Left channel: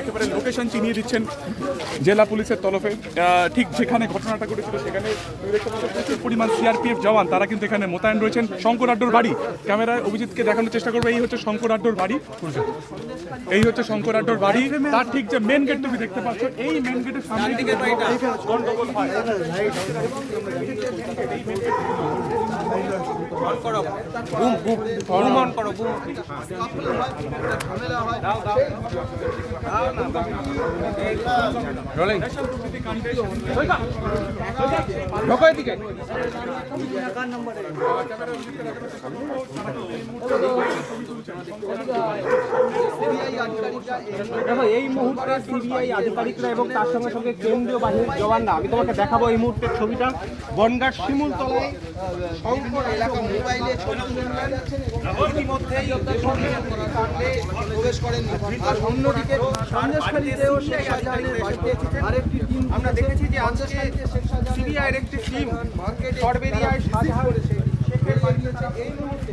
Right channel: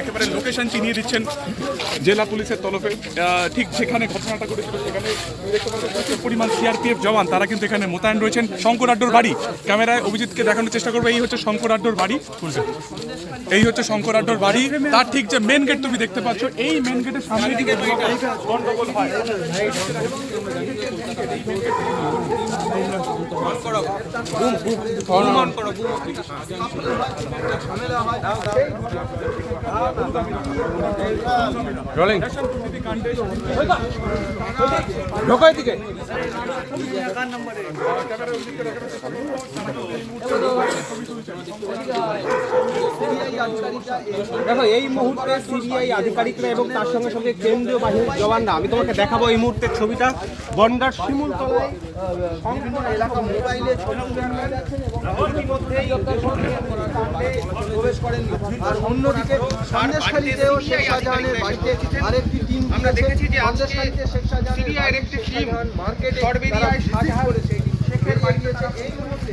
একেবারে লোকেশন চিনিয়ে দিচ্ছেন জেলা পুলিশের তরফে ঠিক যেখানে ঘটনাটা ঘটেছিল সেখানে দেখতে পাচ্ছ প্রচুর পরিমাণ সিআরপিএফ জওয়ান, তারা কিন্তু এখানে মোতায়েন রয়েছেন। শঙ্কর আড্ডোর বাড়ি, ক্যামেরায় অভিজিৎকে দেখানোর চেষ্টা করব, এই হচ্ছে শঙ্কর আড্ডোর বাড়ি। এই হচ্ছে শঙ্কর আড্ডোর বাড়ি। তার ঠিক যে মেন গেট তুমি দেখতে পাচ্ছ, এই মেন গেটের সামনে দিকে ঢোকায় দিকে নম্বরে। দেখো এই মুহূর্তে সিবিআই আধিকারিকরা এবং তার সঙ্গে সঙ্গে কেন্দ্রীয় বাহিনীর জওয়ানরা আমি তোমাকে দেখাবো এই মুহূর্তের ছবিটা। বনগার শিমুল তলায় এলাকা মোবাইলে ছবি দেখা যাচ্ছে এবং ইতিমধ্যেই প্রবেশ করেন আর অন্যদিকে সন্দেশখালীতেও শেখ শাহজাহানের বাড়িতে আরেকটি টিম আমরা দেখেছি যে আজকে সিবিআই একটি টিম চরবেরিয়ায় শাহজাহান এই মুহূর্তে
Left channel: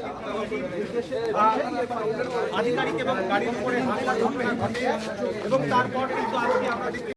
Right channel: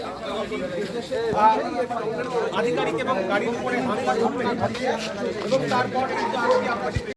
আধিকারিক এবং গাড়ির উপরে এবং তারপর